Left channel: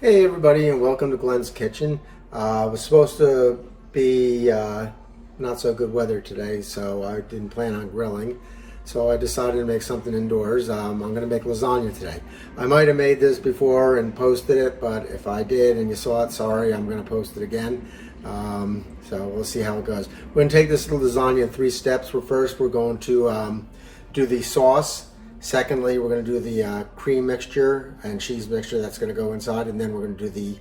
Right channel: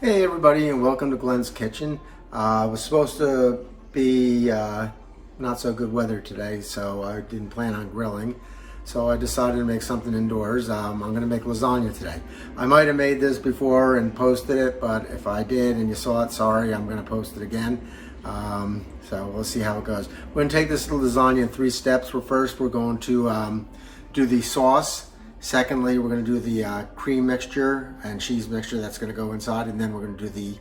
Hey everybody, and welcome to Glenn's Kitchen. It was supposed to be not so good weather today, so I didn't plan on grilling. So I decided to make something indoors. I'm going to make lasagna today. I might have made this before and posted it, but if I did and you saw it, sorry, I'm going to post it again. So we'll see how it goes. We're going to take this lasagna in 3 steps. First, we're going to do the sauce. Secondly, we're going to do the cream mixture and cheese mixture that's going to go inside, and then we're going to do the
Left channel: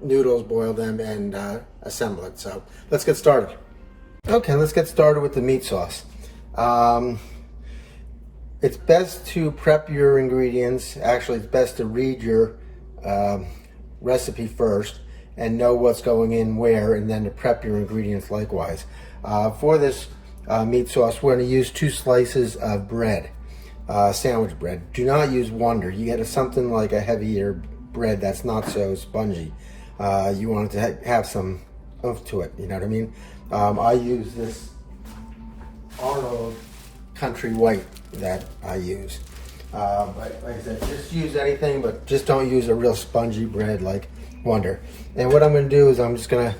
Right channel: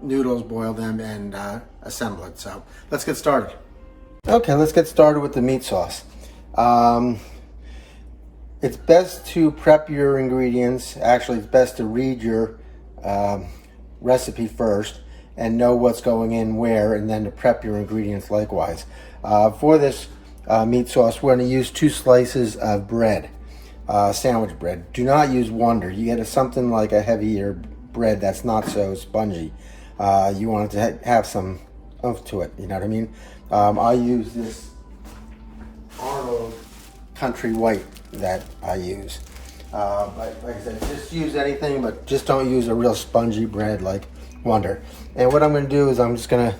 noodles, boil them, and assemble it. So let's get started. Okay, let's get started with the meat sauce. It's best to prep your ingredients. Actually, it's best to read your recipe first and know what's going in where, and then to prep your ingredients likewise. For this meat sauce, we're going to use 2 slices of bread, sandwich bread. Do not use Wonder. You get something like a heavier bread that's not so spongy. You want it to have some oomph to it, you know what I mean? I use this Arnold Country White that I use. Like I said, just use anything, but just don't use a real spongy bread like Wonder. And what I'm going to do is I'm just going to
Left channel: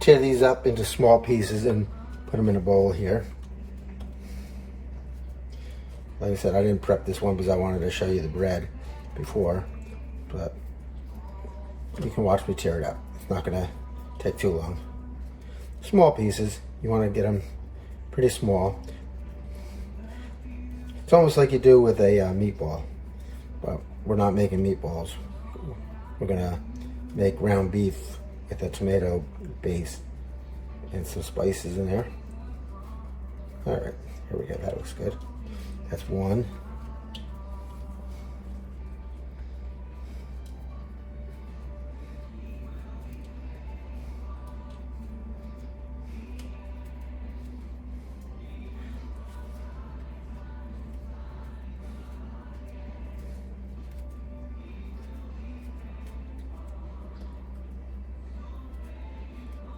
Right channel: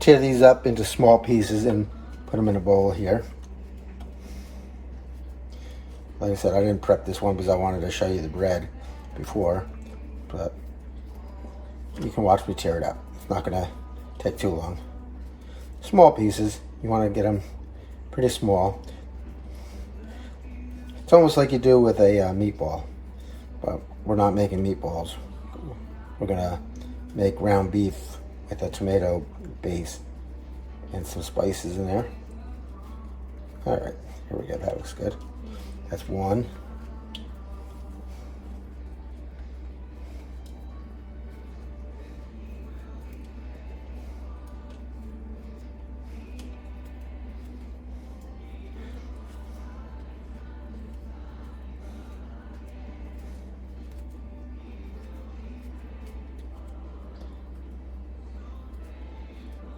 tear these up into small pieces and put them in a bowl here. Like I said, I didn't prep this one because I wanted to show you the bread before, but you can watch me tear it up. It's not going to take too long. Small pieces. You want to get them pretty small. It's almost like you do with a meatball, but we're not making meatballs. We're going to make ground beef with a tomato base and some spices in there. All right, here we go. That looks good. That's one.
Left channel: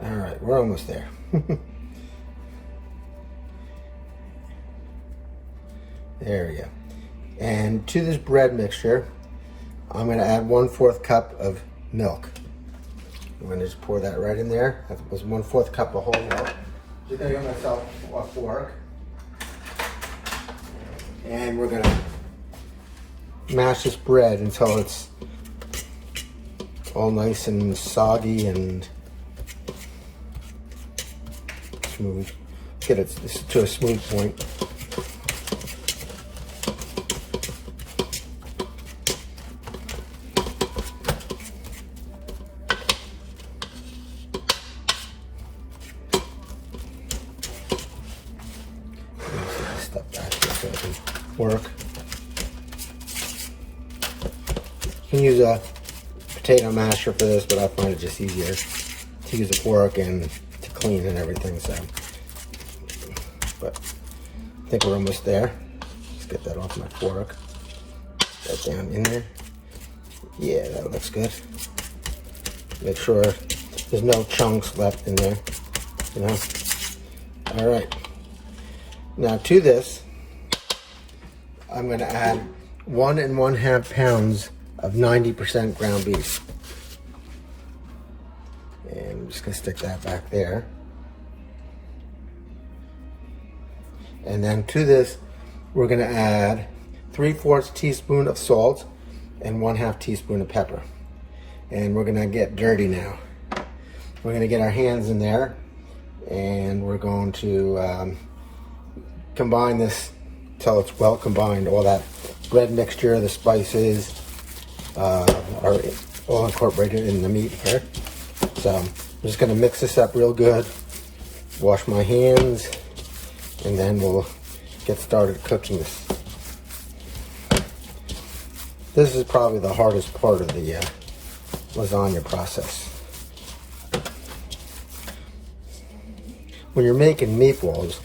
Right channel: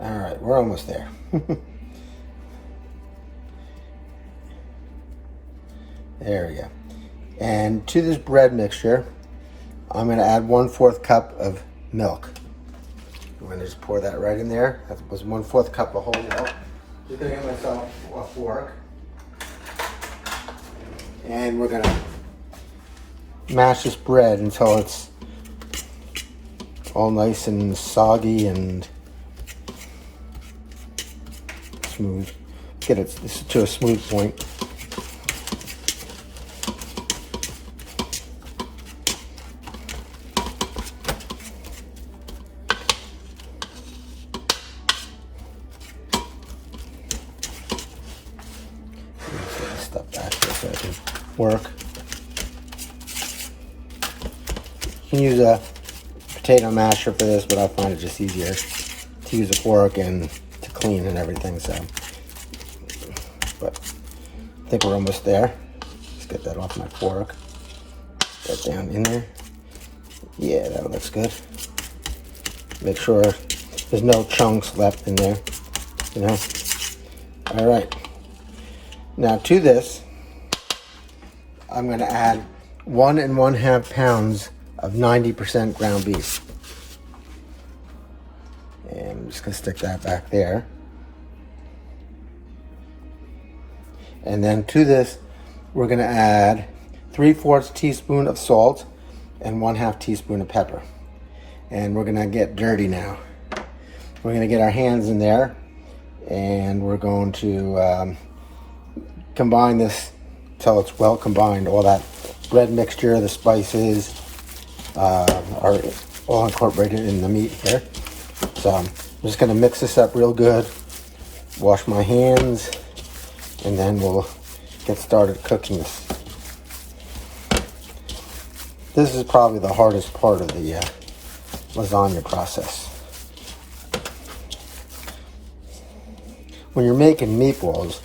All right, we're almost there. There we go. And to this bread mixture, I'm going to add 1/4 cup of milk. I'm going to just pour that right in there. That was 1/4 cup of whole milk. Just going to get myself a fork. And we're going to mash this bread until it's all nice and soggy and smooth. Get it to a smooth point. Stuff back here so I can work. You can use a potato masher for this, but I find it just easier to use a fork and to clean and everything. So, but I think we're almost there. Let's get that off my fork. Get that down in there. Yeah, that looks good. Make sure there's no chunks left in there. You know. All right. Now to this, I'm going to add 1 1/2 pounds of 90% ground beef. And I'm just going to stick that back there. And then to this, we're going to add 3/4 teaspoon of salt and 1/2 teaspoon of pepper. And we're going to get dirty now. We're going to get our hands in there, and we're going to combine this till it's well combined. All that bread mixture, the spices are all incorporated in the meat here. So I'm just going to mix this up real good, wash my hands, and then we'll get started cooking this. This is probably the hardest part of the lasagna process. When you're making meatballs,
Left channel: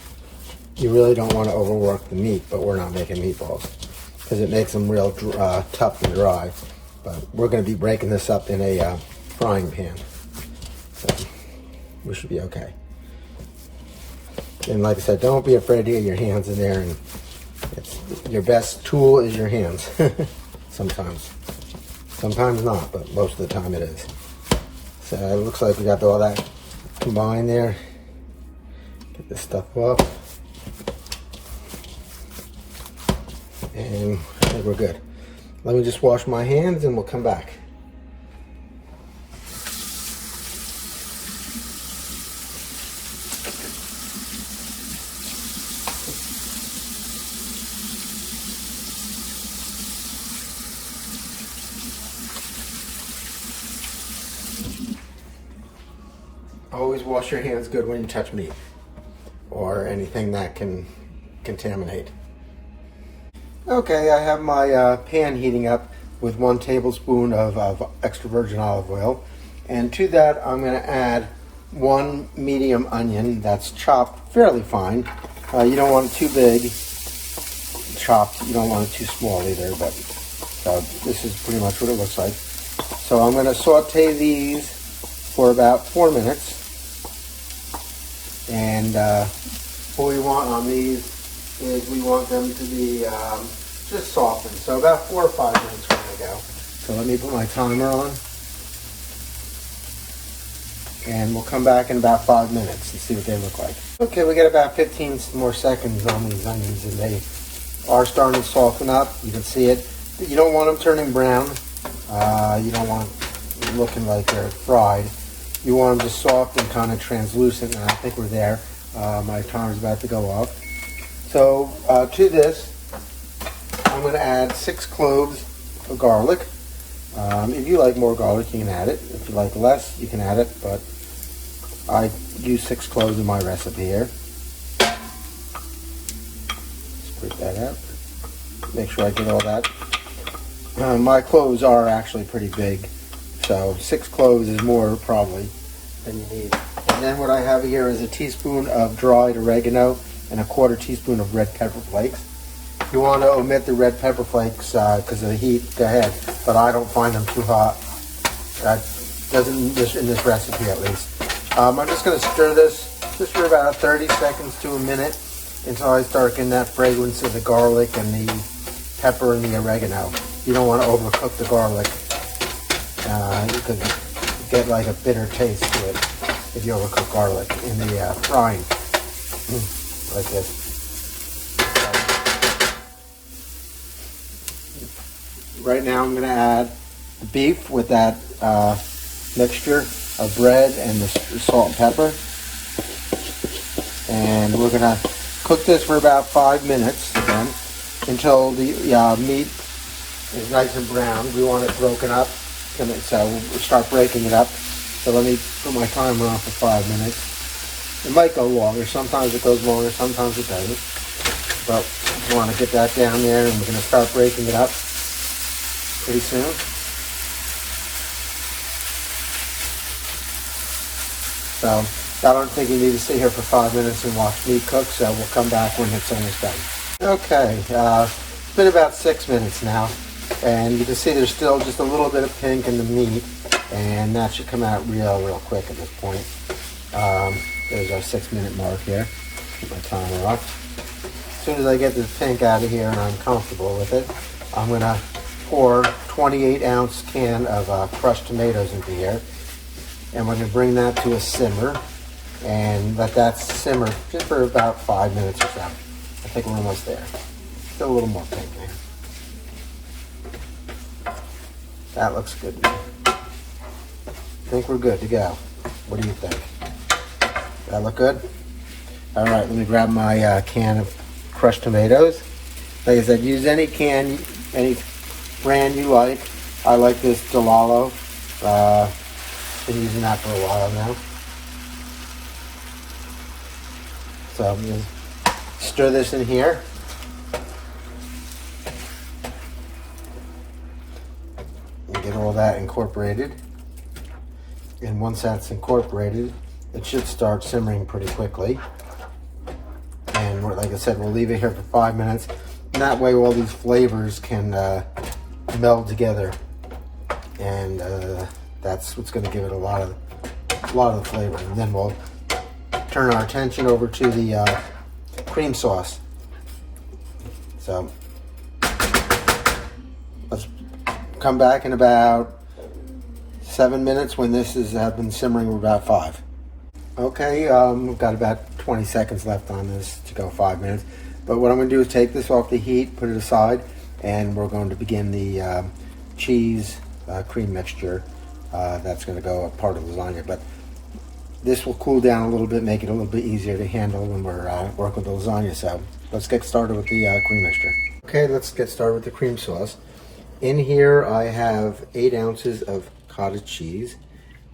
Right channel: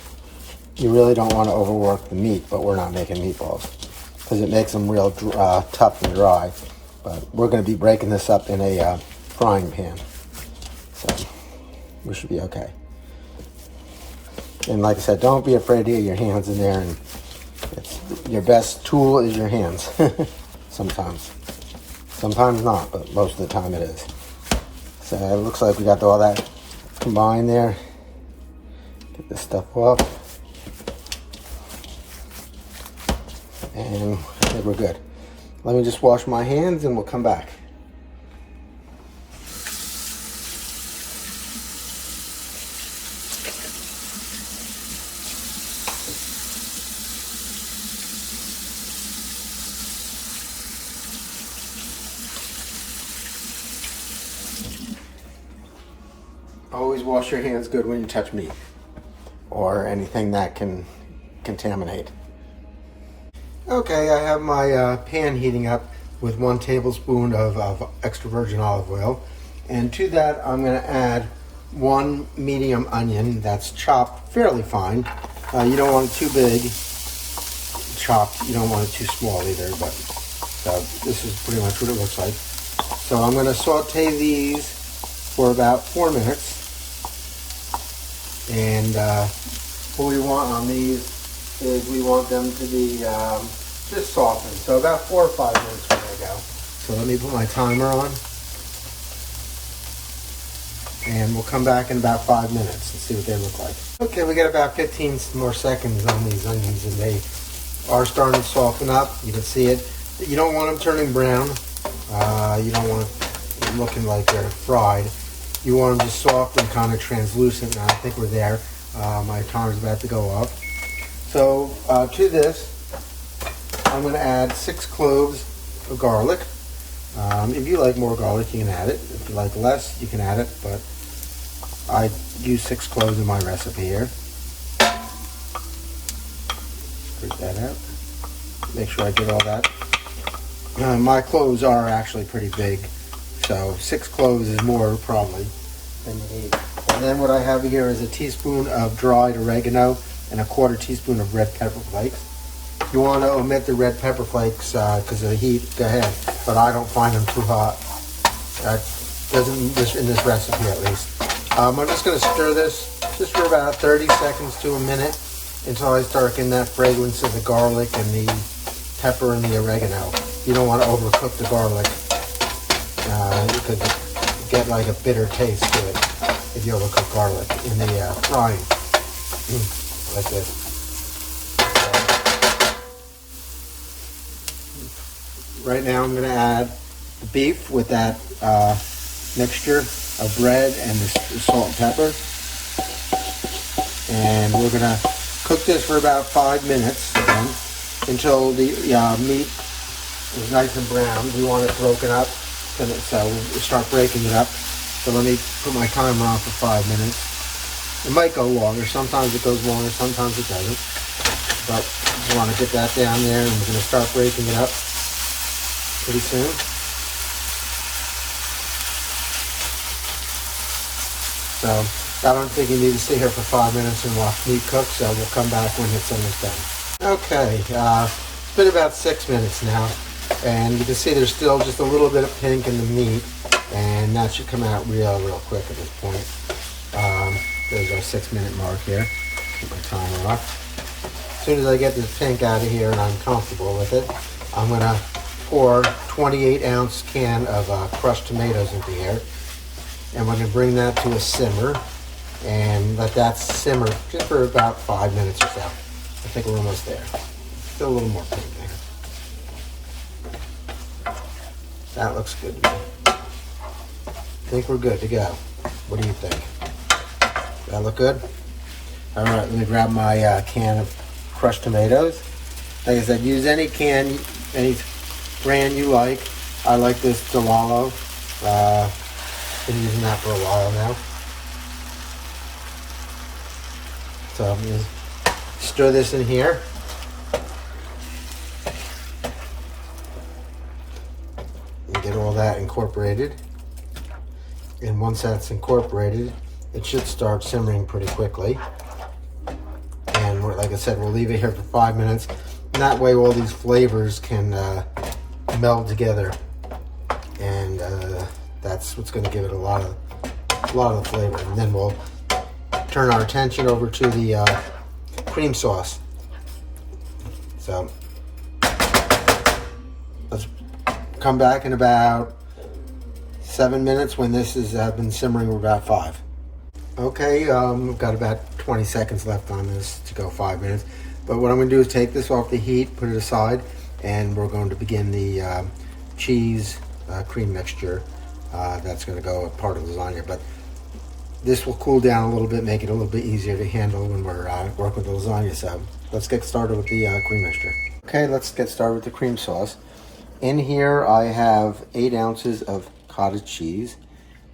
you really don't want to overwork the meat, but we're not making meatballs because it makes them real tough and dry. But we're going to be breaking this up in a frying pan, so we should be okay. And like I said, don't be afraid to get your hands in there, and your best tool is your hands. sometimes. Sometimes not, but most of the time it is. So it looks like we got all that combined there. Get this stuff off. And I think we're good. Let me just wash my hands and we'll come back. Always wash your hands good when you touch meat or anything that can contaminate. Okay, I have my pan heating up with 1 tablespoon of extra virgin olive oil. And to that, I'm going to add 1 medium onion that's chopped fairly fine. You don't want it too big chopped. You don't want it too small either, but this is pretty much what it looks like. So I'm going to saute these for about 4 minutes. And what we want on these is we want them to be just softened. So about 4 or 5 minutes from I go. So let me put my timer on. And we'll come back in about 5 minutes and see what they look like. Okay, we got about 15 more seconds on these onions and they are starting to soften up. You can see it. You don't want them turning brown. You don't want them looking like they're fried. You want them just soft and kind of translucent, and I think we're there. My timer's about to go off. So to this, I'm going to add 6 cloves of garlic. If you like more garlic, you can add it. If you like less, you can add it, but I use 6 cloves in my recipe here. Spread that out. Make sure I get all that. My cloves are actually pretty big. So 6 cloves is more probably than you need. And then what I have here is a teaspoon of dried oregano and a 1/4 teaspoon of red pepper flakes. You want to omit the red pepper flakes because of the heat, go ahead. But I don't find them too hot. Doesn't in this recipe at least. I'm just going to stir this just for about 30 seconds to a minute until I start getting that fragrance of the garlic and the pepper and the oregano. You don't want to overcook the garlic. Because you get like a bitter taste to it if you overcook garlic in the frying, like this. Right now I'm going to add the beef with that mixture of bread and the salt and pepper. And we're going to cook this for about 5 minutes again until the meat is nice and brown. We want it broken up. So we'll start breaking it up. So let me put my timer on for 5 minutes. It might go longer. Sometimes it goes longer, sometimes it doesn't. But we want to get that down there, and we're going to start breaking it up pretty soon. So I don't think you need to stay here for 5 minutes and watch meat cook, so we'll come back when it's almost done. Okay, it's been about 6 minutes now. And you can see there's still just a little bit of pink in the meat, and that should come out real quick at this point. There's our 6 minute mark here. Keep my timer up. As soon as I get this pink out of here and I'm comfortable with it, I'm going to pour 28-ounce can of crushed tomatoes into here. And we're going to bring that to a simmer and let that simmer just for about 5 minutes or so. I think we're almost there. Still a little more pink there. That looks good to me. I think we're good to go. What do you think? That look good? All right, let me grab my can of crushed tomatoes. Like I said, use any can, any brand you like. I like this Delalo. Been using that for a while now. So I'm going to stir this in here. And get all that incorporated. And once that's incorporated, it should start simmering pretty quickly. And like I said, we'll leave it here for 5 minutes. And that way all these flavors can meld together. And that's what's going to give it a lot of the flavor. And then we'll turn our attention over to the cream sauce. So let's come back in about 7 minutes when this has been simmering for about 5. Okay, we've got about 20 seconds left on this to go 5 minutes. But what I'm going to do is take this off the heat, put it aside, and we're going to begin the cheese cream mixture that's going to go a part of the lasagna. But this will cool down a little bit, make it a little bit easier to handle when we're working with the lasagna. So let's get started with the cream mixture. Okay, let's get started with the cream sauce. In here I have 8 ounces of cottage cheese,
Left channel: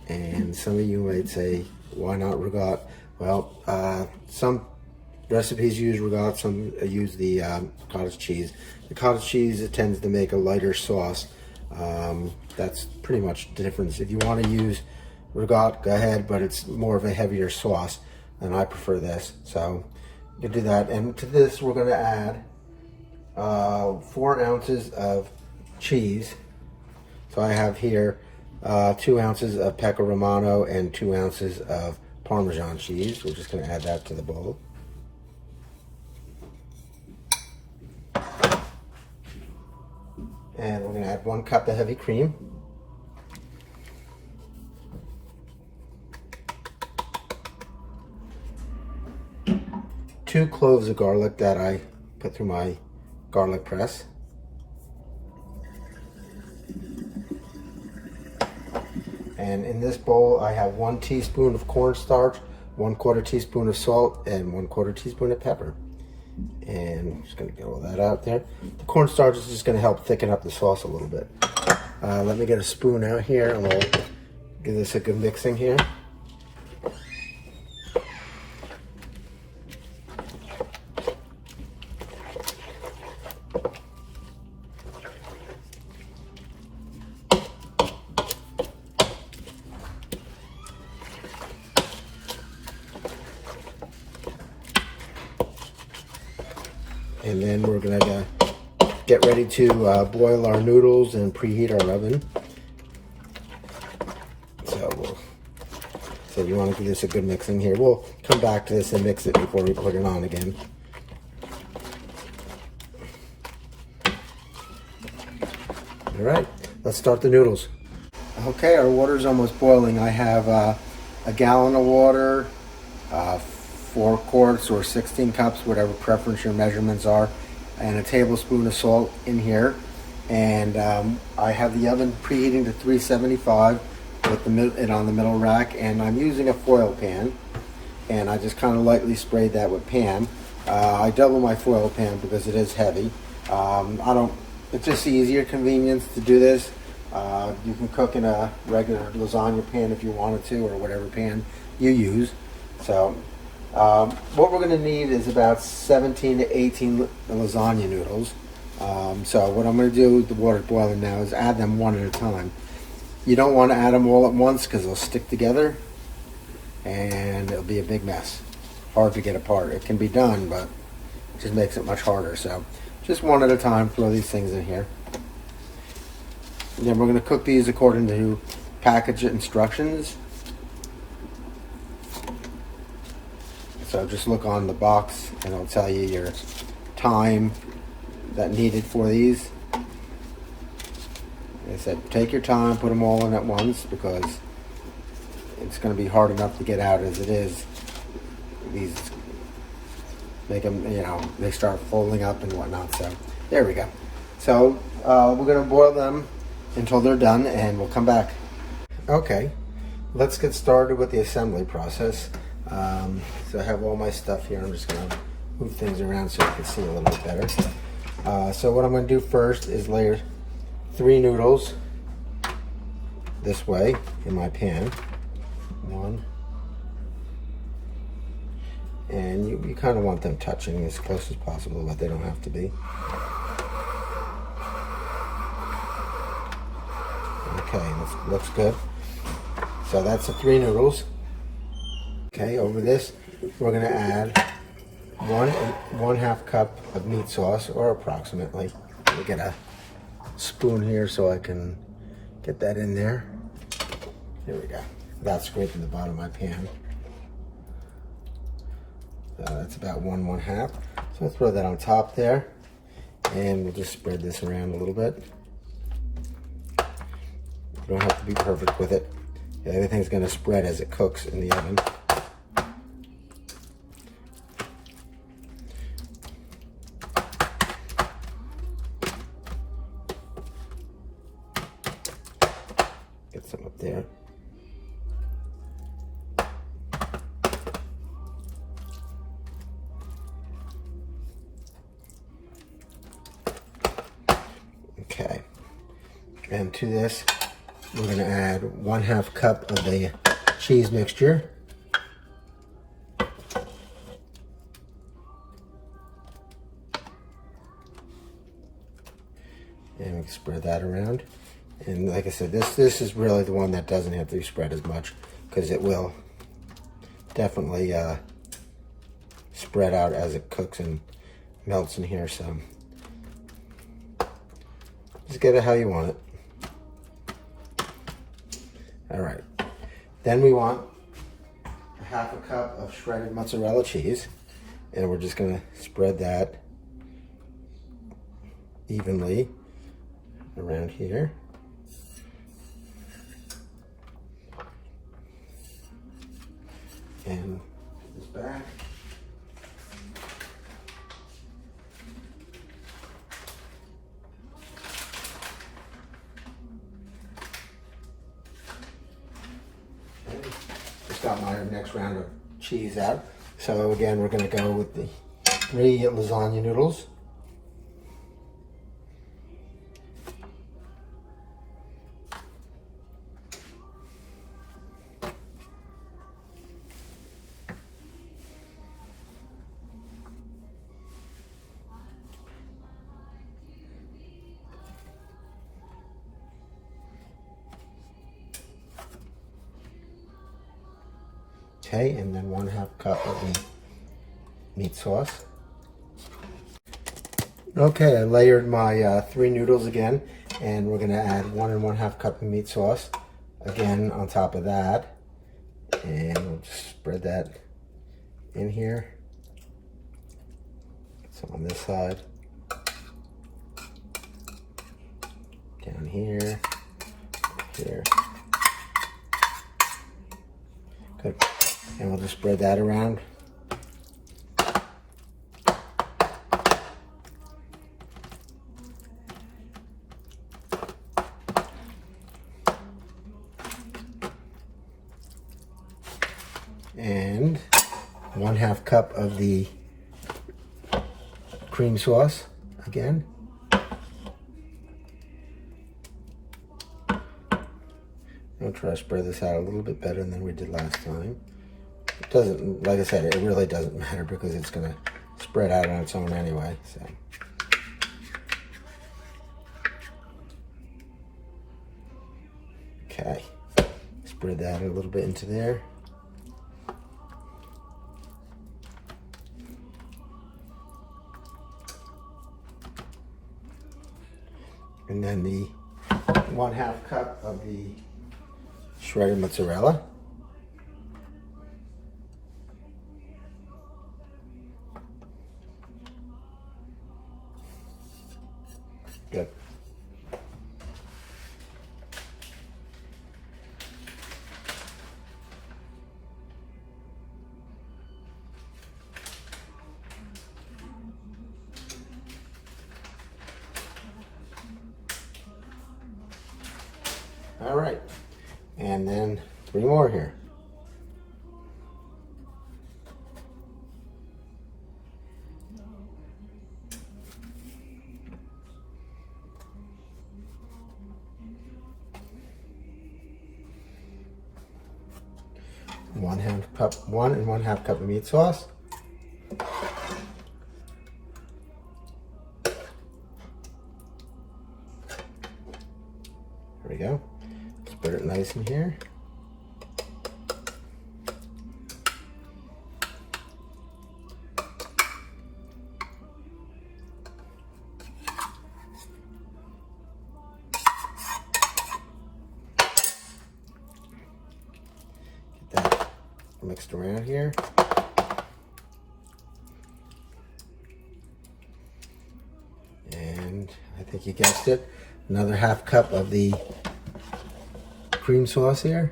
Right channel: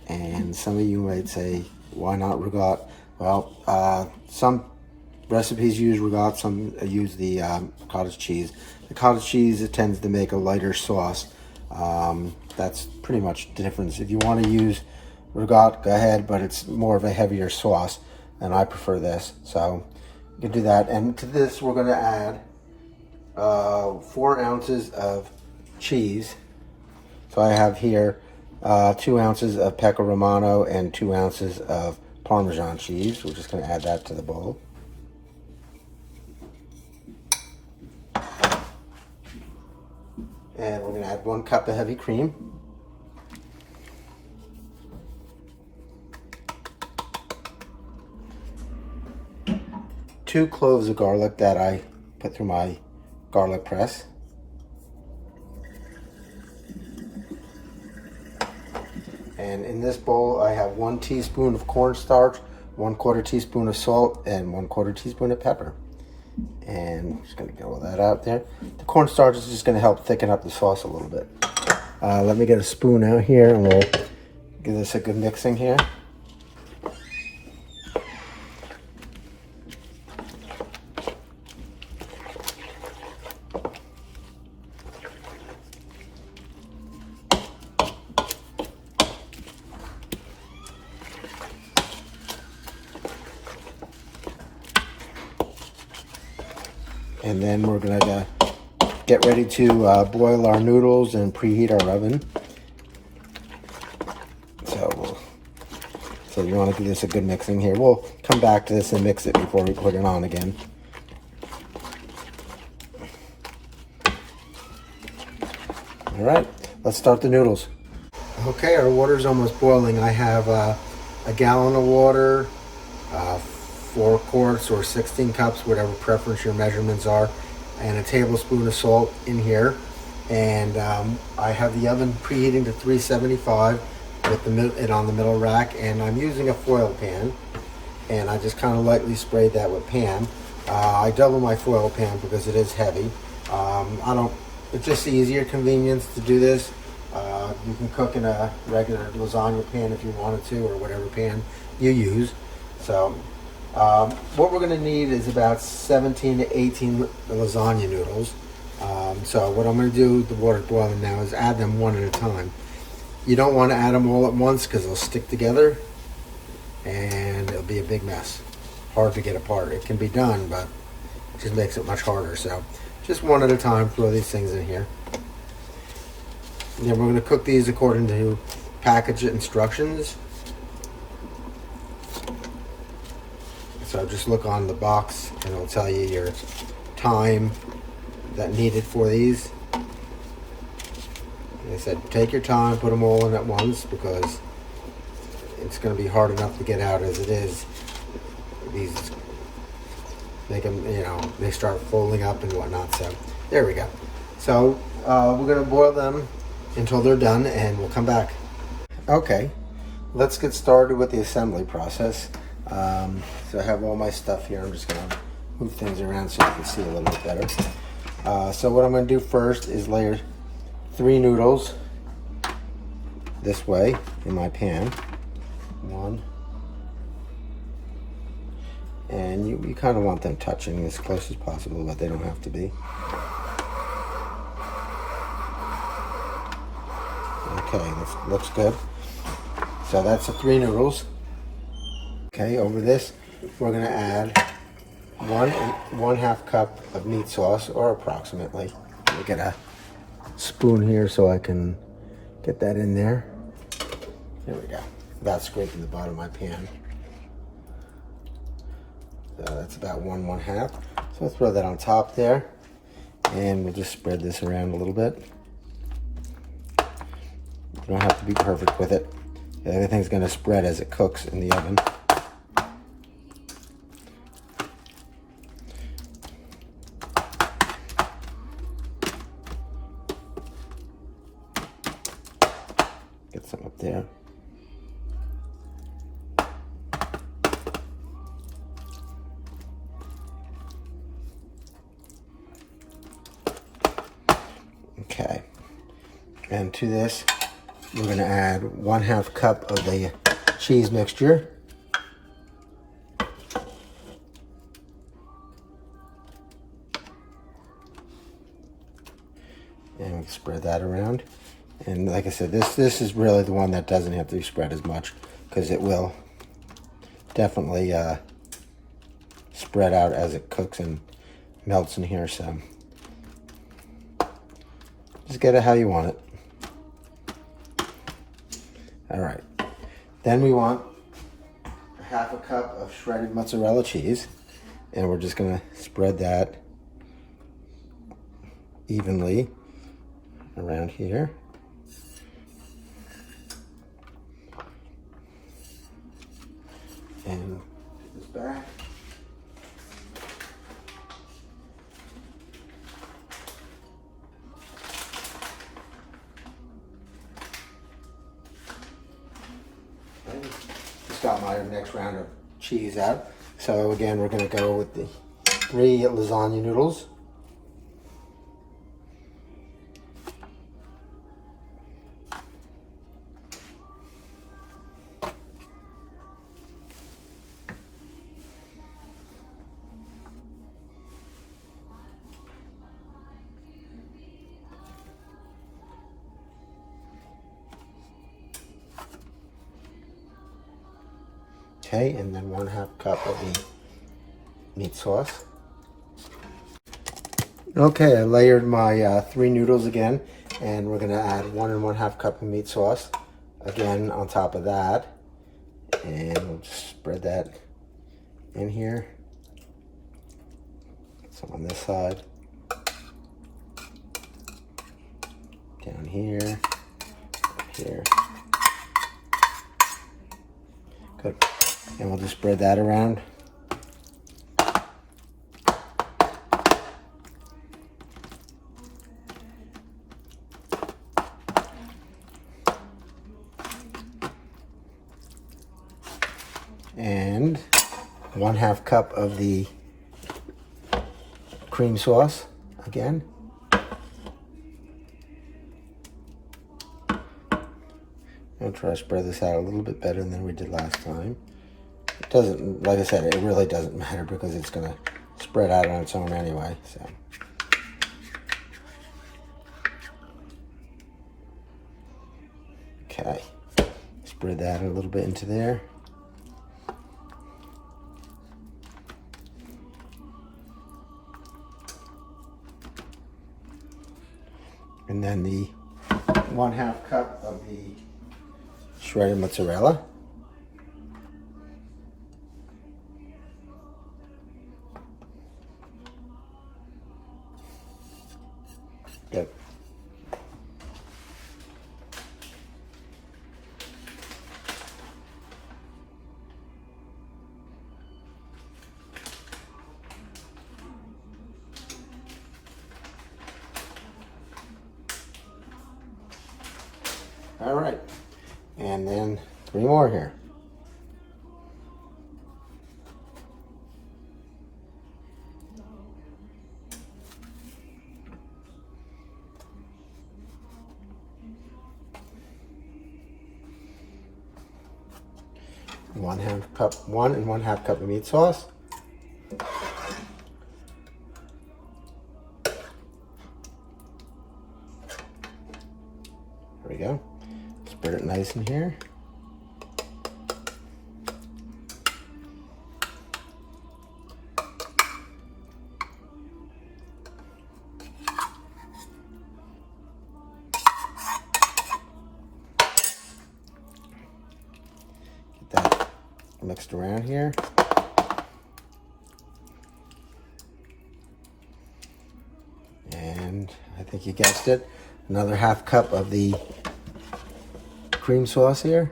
and some of you might say, why not regat? Well, some recipes use regat, some use the cottage cheese. The cottage cheese, it tends to make a lighter sauce. That's pretty much the difference. If you want to use regat, go ahead, but it's more of a heavier sauce, and I prefer this. So you can do that. And to this, we're going to add 4 ounces of cheese. So I have here 2 ounces of Pecco Romano and 2 ounces of Parmesan cheese. We're just going to add that to the bowl. And we're going to add 1 cup of heavy cream. Two cloves of garlic that I put through my garlic press. And in this bowl, I have 1 teaspoon of cornstarch, 1/4 teaspoon of salt, and 1/4 teaspoon of pepper. And I'm just going to get all that out there. The cornstarch is just going to help thicken up the sauce a little bit. Let me get a spoon out here, and we'll give this a good mixing here. And then we're going to get ready to boil our noodles and preheat our oven. So you want to give this a good mixing here. We'll come back to this and mix it before we put it on again. All right, let's start the noodles. Okay, our water's almost boiling. I have a gallon of water, 4 quarts or 16 cups, whatever preference your measurements are, and a tablespoon of salt in here. And I have the oven preheating to 375 with it on the middle rack, and I'm using a foil pan, and I just kind of lightly sprayed that with pan. I double my foil pan because it is heavy. It's just easier convenience to do this. You can cook in a regular lasagna pan if you wanted to, or whatever pan you use. So what we're going to need is about 17 to 18 lasagna noodles. So what I'm going to do with the water boiling now is add them one at a time. You don't want to add them all at once because they'll stick together and it'll be a big mess. Hard to get apart. It can be done, but it just makes it much harder. So just one at a time, throw these things in here. And then we're going to cook these according to package instructions. So just look on the box and it'll tell you your time that needed for these. Like I said, take your time, put them all in at once because it's going to be hard enough to get out as it is. These make them, they start folding up and whatnot. So there we go. So we're going to boil them until they're done, and we'll come back. Okay, let's get started with the assembly process. So I have all my stuff here. I'm just going to move things around so you can see a little bit better. So what I'm going to do first is layer 3 noodles this way in my pan. 1. And you kind of want them touching as close as possible, but they don't have to be. Okay, looks good. So that's the 3 noodles. Okay, over this, we're going to add 1/2 cup of meat sauce, or approximately. Let me get a spoon here so I can get that in there. Here we go. About scraping the bottom of my pan. That's about 1/2. So we'll throw that on top there, and we'll just spread this around a little bit. You don't have to be perfect with it. Everything's going to spread as it cooks in the oven. Get some up there. Okay, and to this, we're going to add 1/2 cup of the cheese mixture. And we spread that around. And like I said, this is really the one that doesn't have to be spread as much, because it will definitely spread out as it cooks and melts in here. So just get it how you want it. All right. Then we want 1/2 cup of shredded mozzarella cheese, and we're just going to spread that evenly around here. And put this back. Okay. Just got my next round of cheese out. So again, we're going to go with the 3 lasagna noodles. Okay, and then 1/2 cup of the meat sauce. Okay, I layered my 3 noodles again, and we're going to add 1 1/2 cup of meat sauce again on top of that, and we'll just spread that in here. Some on this side, down here, here. Good. And we'll just spread that around. And 1/2 cup of the cream sauce again. I'll try to spread this out a little bit better than we did last time. It doesn't, like I said, it really doesn't matter because it's going to spread out on its own anyway. So. Okay, spread that a little bit into there. And then the 1/2 cup of the shredded mozzarella. Good. All right, and then 3 more here. One 1.5 cup of meat sauce. There we go. Spread it nice in here. Get that mixed around here. And I think you guessed it, another 1/2 cup of the cream sauce here.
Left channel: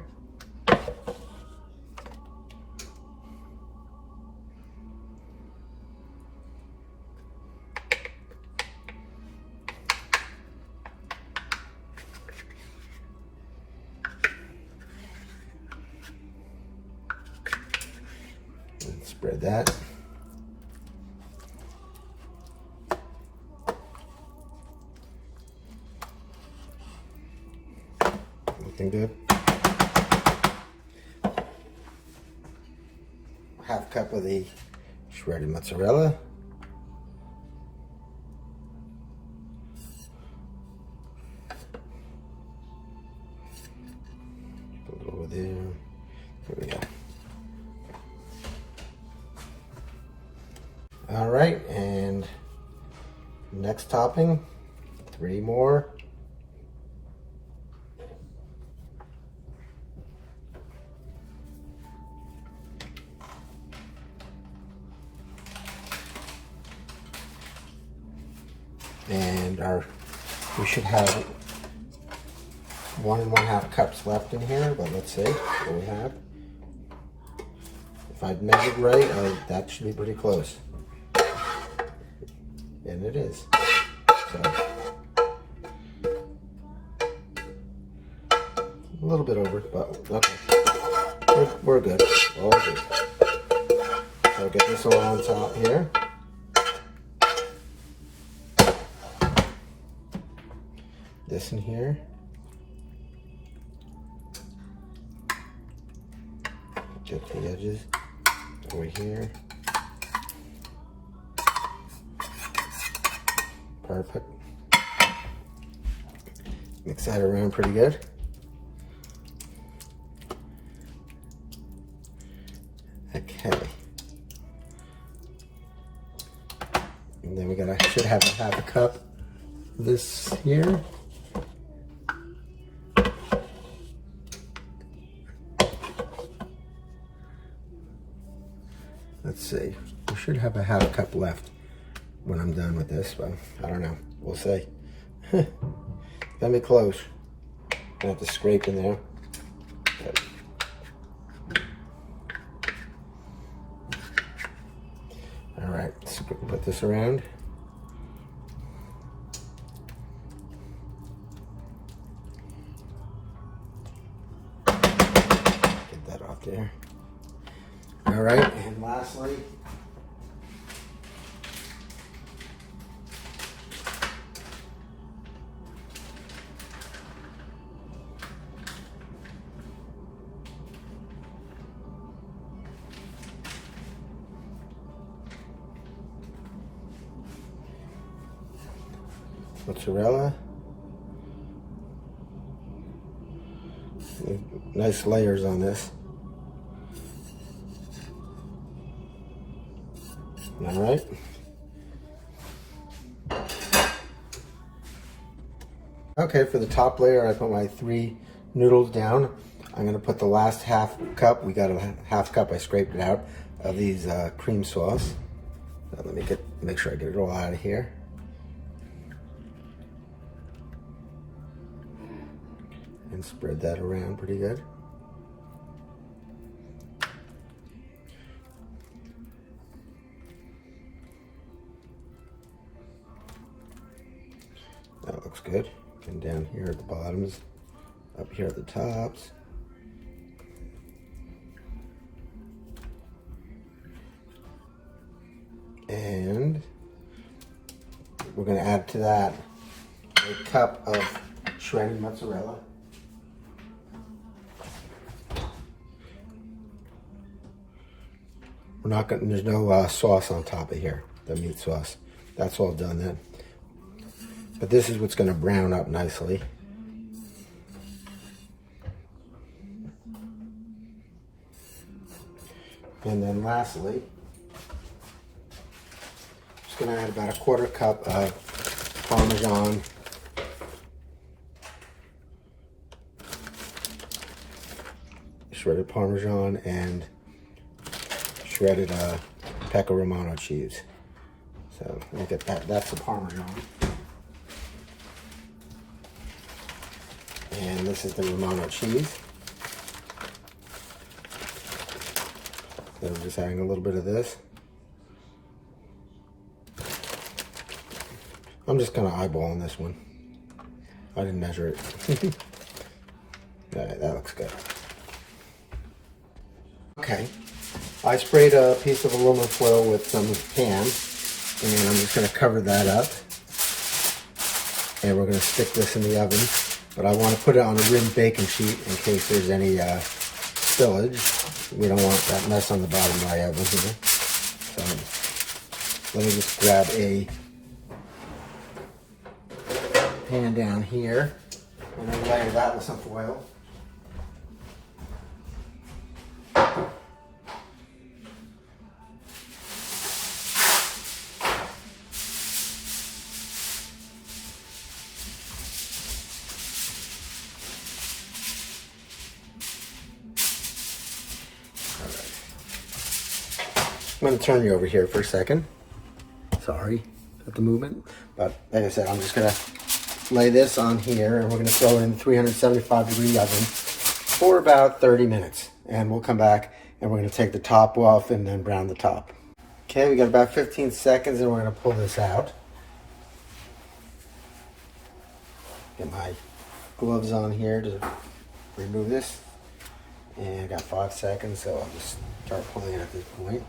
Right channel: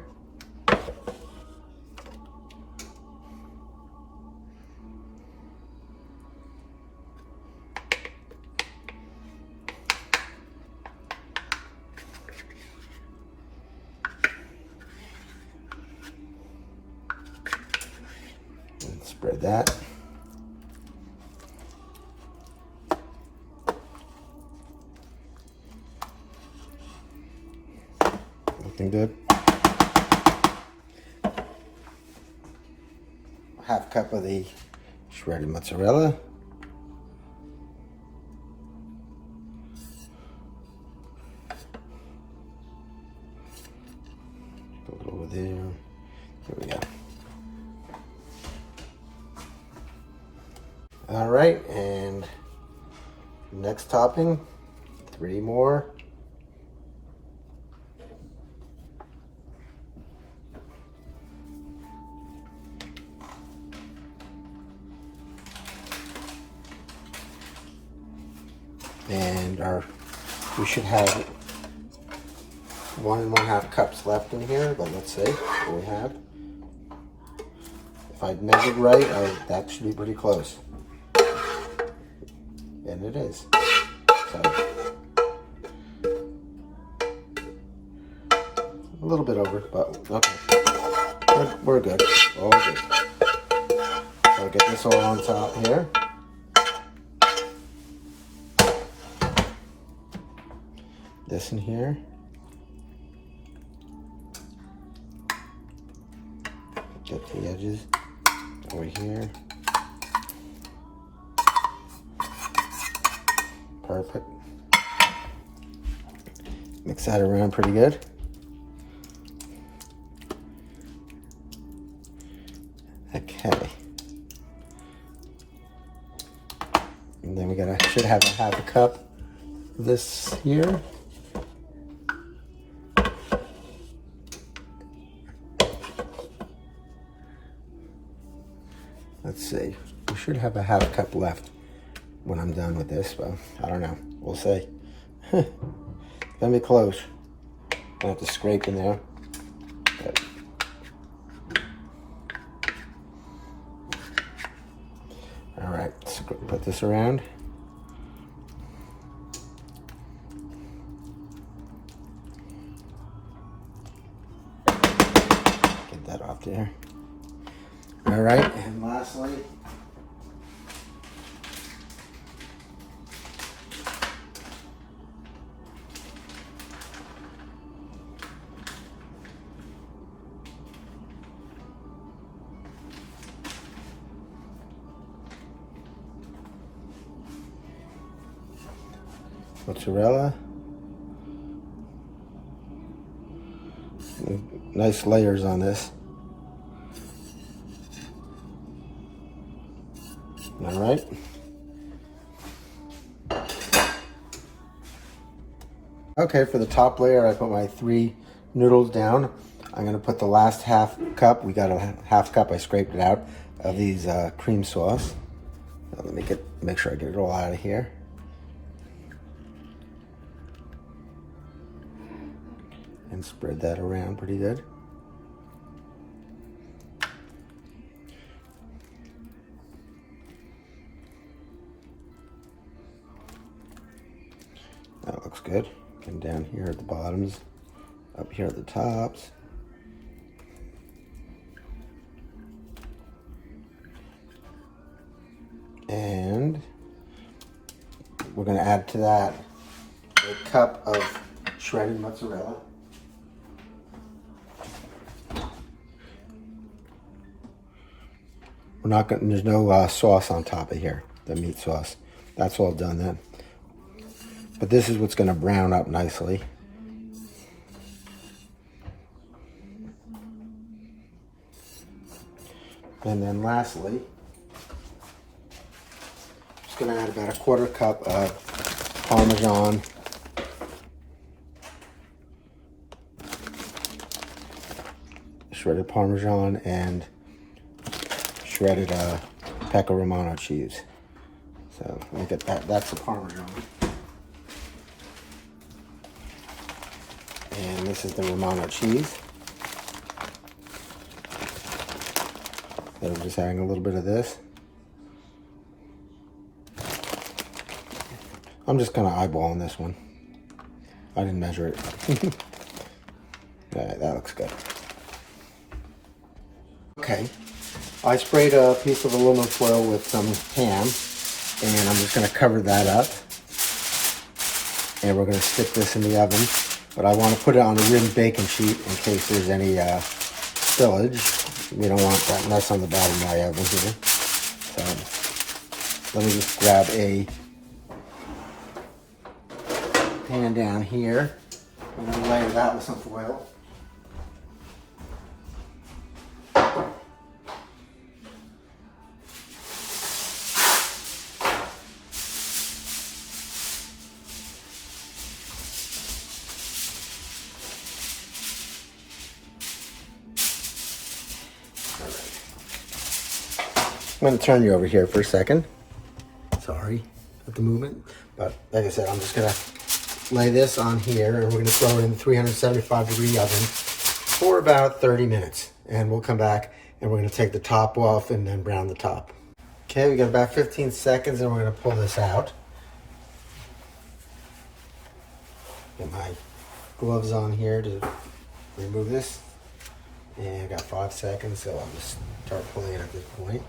And spread that. Looking good. Half cup of the shredded mozzarella. A little over there. There we go. All right, and next topping, 3 more. And we should have 1 1/2 cups left in here, but let's see what we have. If I measured right, that should be pretty close. And it is. So, a little bit over, but okay. We're good. All good. So I'll get this all on top here. This in here. Get the edges over here. Perfect. Mix that around pretty good. Okay. And then we should have a 1/2 cup of this here. Let's see. We should have a 1/2 cup left when I'm done with this, but I don't know. We'll see. Let me close. I have to scrape in there. Okay. All right, let's put this around. Get that off there. All right, and lastly, mozzarella. Nice layers on this. All right. Okay, for the top layer, I put my 3 noodles down. I'm gonna put the last 1/2 cup. We got a 1/2 cup. I scraped it out of these cream sauce. Let me make sure I get it all out of here. And spread that around pretty good. That looks good. Come down here at the bottoms, up here at the tops. And we're going to add to that a cup of shredded mozzarella. We're not going. There's no sauce on top of here. The meat sauce. That's all done then. But this is what's going to brown up nicely. And then lastly, just going to add about a 1/4 cup of Parmesan. Shredded Parmesan and shredded Pecco Romano cheese. So look at that. That's the Parmesan. And this is the Romano cheese. So I'm just adding a little bit of this. I'm just kind of eyeballing this one. I didn't measure it. Alright, that looks good. Okay, I sprayed a piece of aluminum foil with some Pam, and I'm just going to cover that up. And we're going to stick this in the oven, but I want to put it on a rimmed baking sheet in case there's any spillage. We don't want that mess on the bottom of my oven here. So let me just grab a pan down here and then layer that with some foil. I'm going to turn you over here for a second. Sorry at the movement, but like I said, I'm just going to lay this on here and we're going to throw it in the 375-degree oven for about 30 minutes. And we'll come back and we're going to take the top off and then brown the top. Okay, we got about 15 seconds and we're going to pull this out. Get my gloves on here to remove this. And I got 5 seconds, so I'll just start pulling it at this point.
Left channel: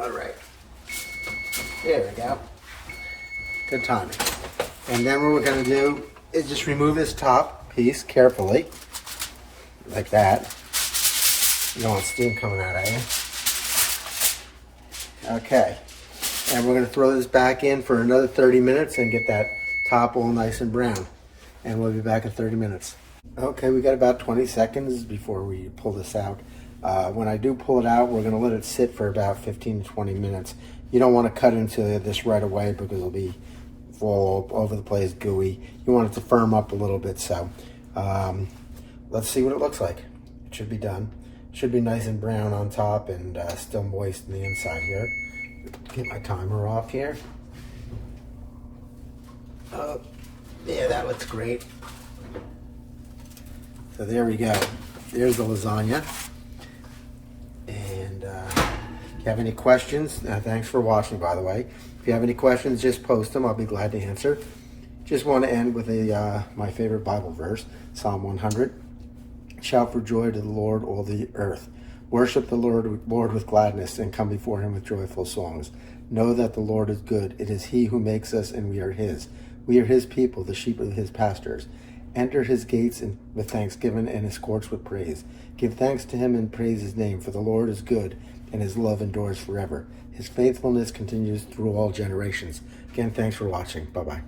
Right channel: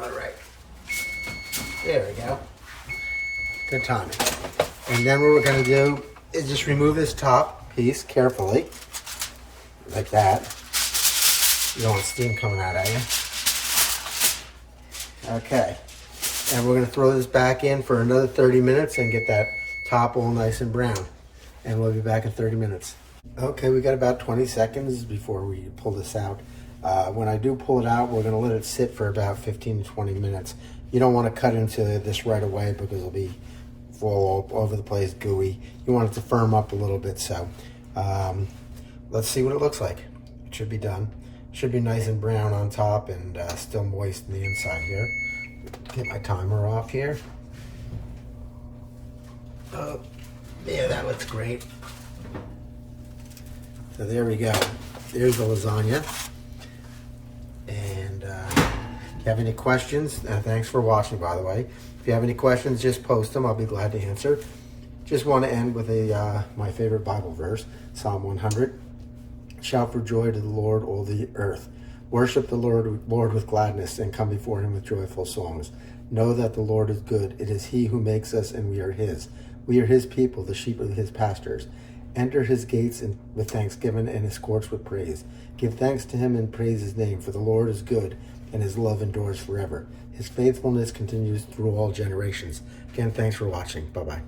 All right, there we go. Good timing. And then what we're going to do is just remove this top piece carefully, like that. You don't want steam coming out at you. Okay, and we're going to throw this back in for another 30 minutes and get that top all nice and brown. And we'll be back in 30 minutes. Okay, we got about 20 seconds before we pull this out. When I do pull it out, we're going to let it sit for about 15 to 20 minutes. You don't want to cut into this right away because it'll be all over the place, gooey. You want it to firm up a little bit, so let's see what it looks like. It should be done. It should be nice and brown on top and still moist in the inside here. Get my timer off here. Yeah, that looks great. So there we go. There's the lasagna. And if you have any questions, thanks for watching, by the way. If you have any questions, just post them. I'll be glad to answer. Just want to end with my favorite Bible verse, Psalm 100. Shout for joy to the Lord, all the earth. Worship the Lord with gladness and come before him with joyful songs. Know that the Lord is good. It is he who makes us and we are his. We are his people, the sheep of his pastures. Enter his gates with thanksgiving and his courts with praise. Give thanks to him and praise his name, for the Lord is good and his love endures forever. His faithfulness continues through all generations. Again, thanks for watching. Bye-bye.